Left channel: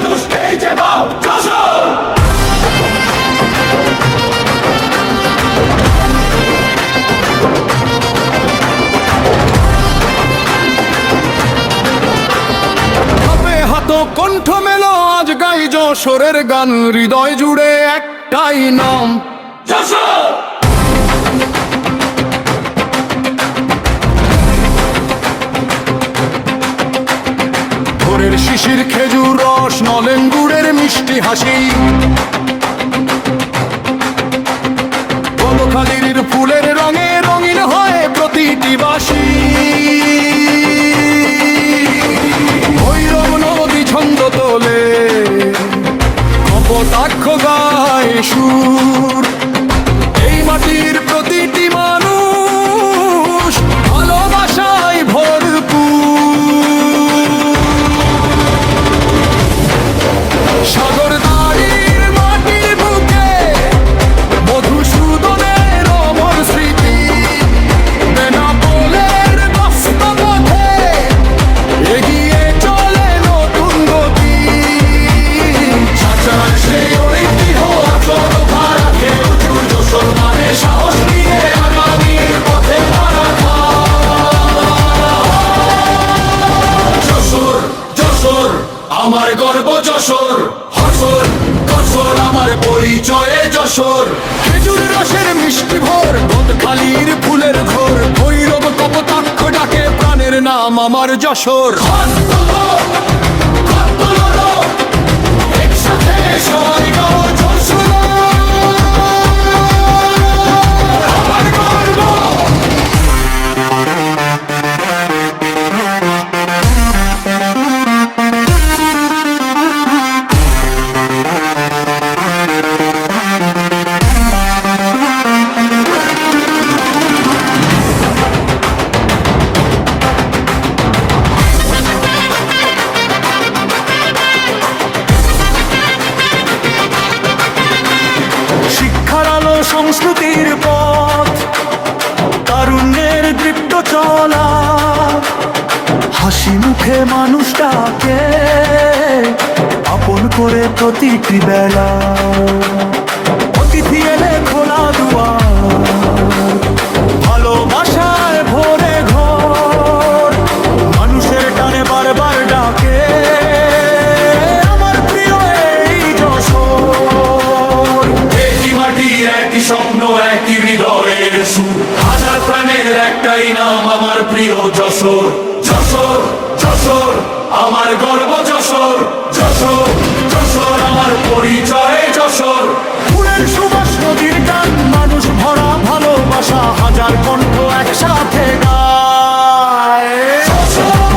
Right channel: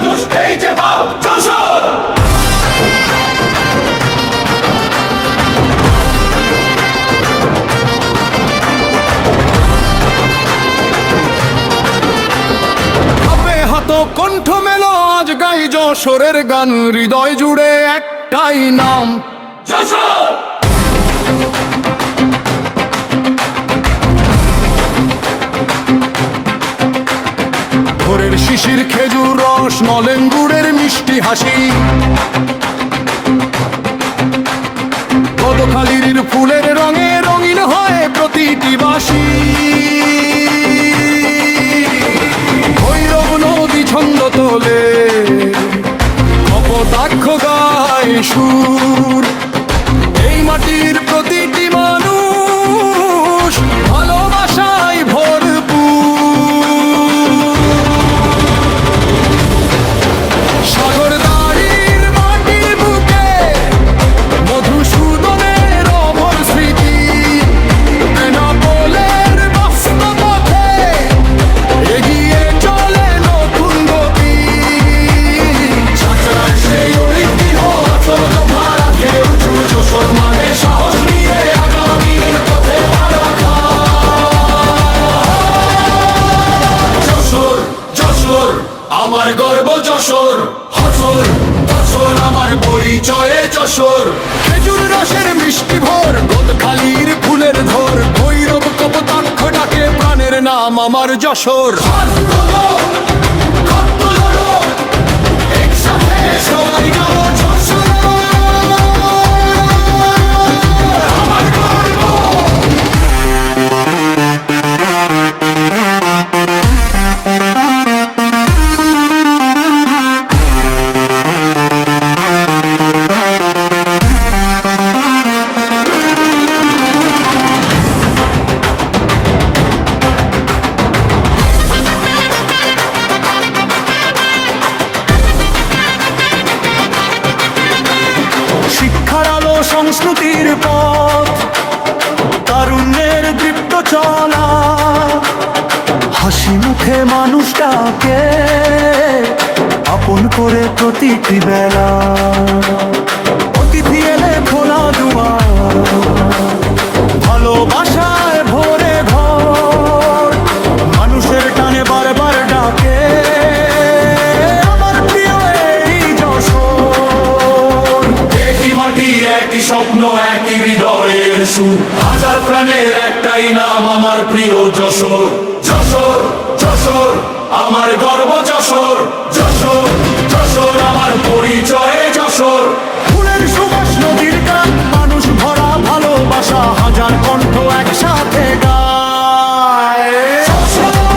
মানুষ এই যে বাপ যশোর। হাত কণ্ঠ মেলো আজ গাই যশোরের গান, হৃদয় জুড়ে একটাই নাম যশোর। ভোরের শিশির খেজুর রস, নলেন গুড়ের মিষ্টি হাসি, গদখালির ফুলের রঙে রঙিন হয় প্রতিটি বাসি। ভৈরব নদী ছন্দ তোলে, কপোতাক্ষ গায় সুর। এই মাটির প্রতিটি মানুষ ভালোবাসায় ভরপুর। সাগর দাড়ির মাটির বুকে মধুসূদনের অমর স্মৃতি, বেনাপোলের বাস্তবপথে এগিয়ে চলে নতুন গতি। চাচার সেই ঐতিহ্য আচল ভাড়াকে উঁচু, যশোর মানে সাহস নিয়ে আগামীর পথে রাখা। যশোর যশোর আমার গর্ব, যশোর হাসর যশোর আমার পরিচয়ে যশোর। খেজুর রসের মিষ্টি ভোর, গদখালির ফুলের ঘোর, ভৈরব কপোতাক্ষ ডাকে প্রাণের নাম আমার যশোর। হাত তোলো, হাত তোলো, একসাথে সবাই গাও যশোর আমার গর্ব। শিক্ষার আলো সংস্কৃতির পথ, তারুণ্যের দৃপ্ত চলা, হাসি মুখে মানুষটাকে আপন করে প্রতিটি বেলা। অতিথি এলে খোলা দুয়ার, ভালোবাসায় ভরে ঘর, মানুষের টানে বারবার ডাকে আমার প্রিয় এই যশোর। একই মাটি একই স্বপ্ন একই হৃদয়ের সুর, হাজার প্রাণের একটাই নাম আমার প্রিয় যশোর। যশোর যশোর আমার গর্ব, যশোর যশোর যশোর আমার পরিচয়ে যশোর। ফুলের সুবাস নদীর গান, মানুষ ভরা ভালোবাসা, হাজার কণ্ঠ একসাথে গায়। যশোর।